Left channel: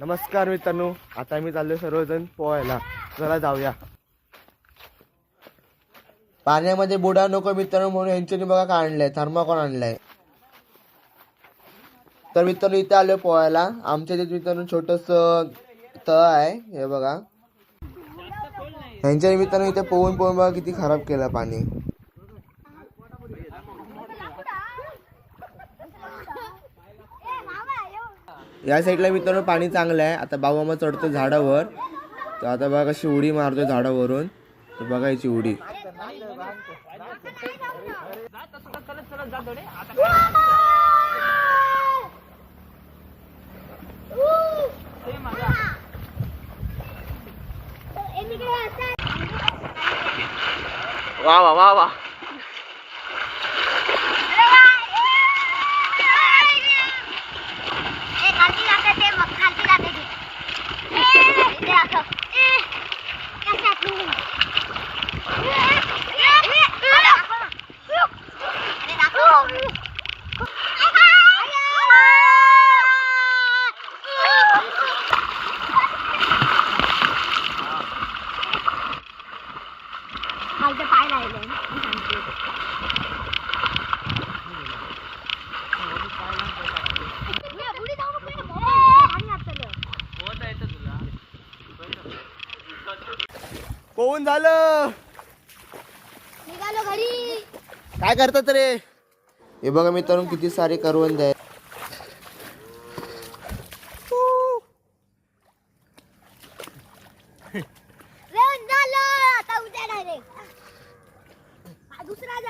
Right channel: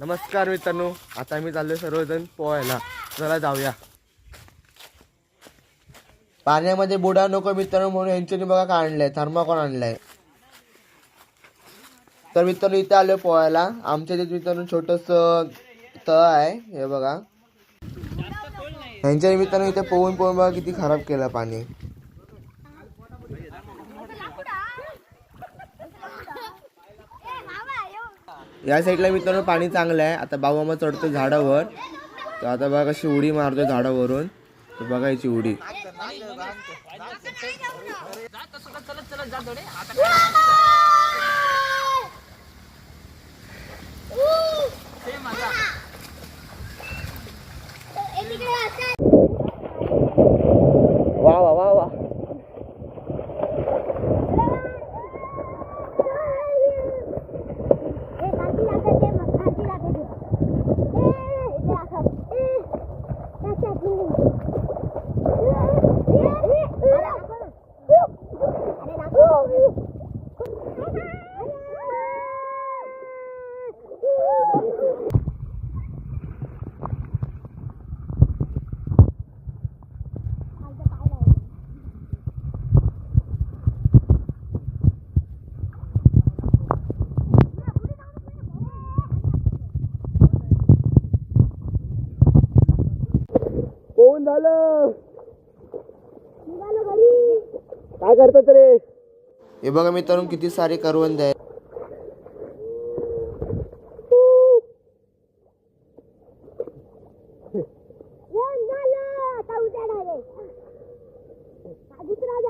नमस्कार मित्रांनो आता मी चाललोय सर्वजण पोहायला. चला जाऊया. पाण्यामध्ये बुडा नको मित्रांनो म्हणून यांच्यानी बघा काय आणलंय. थर्माकॉन आणलाय. तर मित्रांनो इथे आलोय पोहायला. आमच्या इथे मित्रांनो छोटस तळ आहे हे बघा. यांच्या निमित्तानं इथे पोहून पोहून बघा किती खराब केलं पाणी. या साईडला मित्रांनो पाणी चांगलं आहे. आता बाबामा चढतो झाडावर. तर आता बघा कशी उडी मारतो झाडावरून. तर बघा याची उडी. वा वा वा वा. या पोहून झालं? निघालो घरी. काय करतात रे? हे बघा मित्रांनो किती सारे करवंद आहेत. रेवन झालं आता उद्या डायरेक्ट दुसरा जा